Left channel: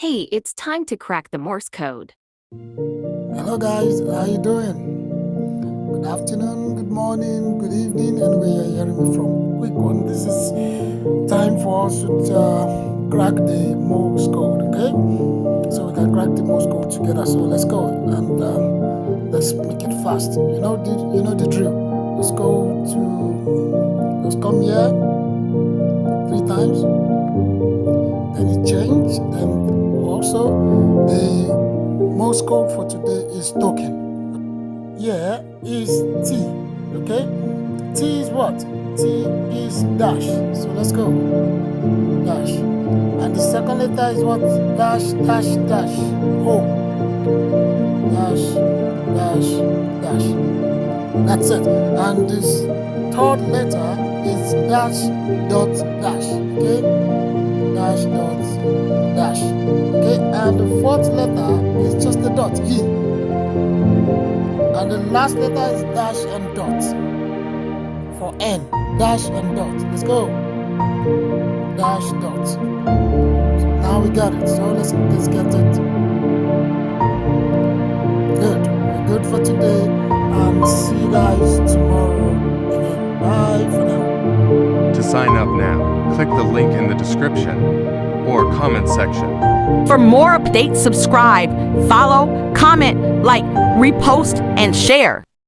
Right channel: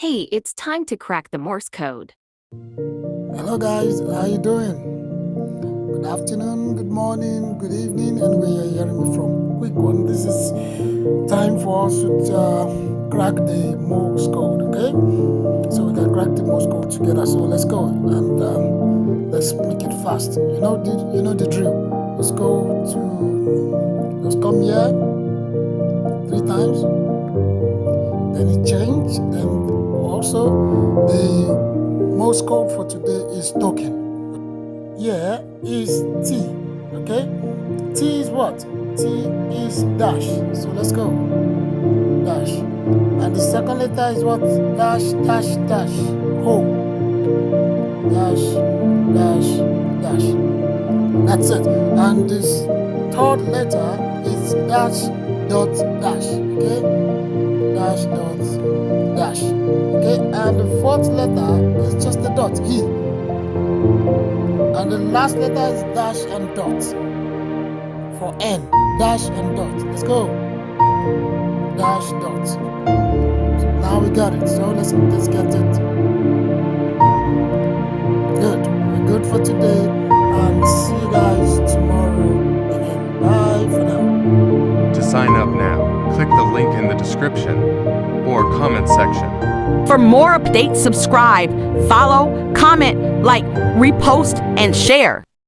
Hey, it's time to crack the Morse code. Hello guys, how you doing? Good afternoon, good morning, good evening, and where you're hearing me from. Quick one, this is time for us to crack the Morse code, okay? So we can crack the Morse code together. So let's go and let's make it fast. You know the drill. Let's come here 3 times. Then it changed, and also the Morse code for today is token. Here is T, okay? T is what? T is dash. So let's go. Dash. And the second letter is what? Dash, dash, dash. Ho. Dash, dash, dash. That's it. And this third letter is dash, dot, dash. Okay? Dash, dot, dash. Okay? And the fourth letter is just a dot. E. And the last letter is dash and dot for N. Dash and dot. Let's go. Dash dot. Now we got it. So let's get it. Good. We're good for today. And see you guys tomorrow again. Bye for now. To sign up now, click the link in the description or comment section. For more updates, subscribe, follow, comment, like, repost, and share.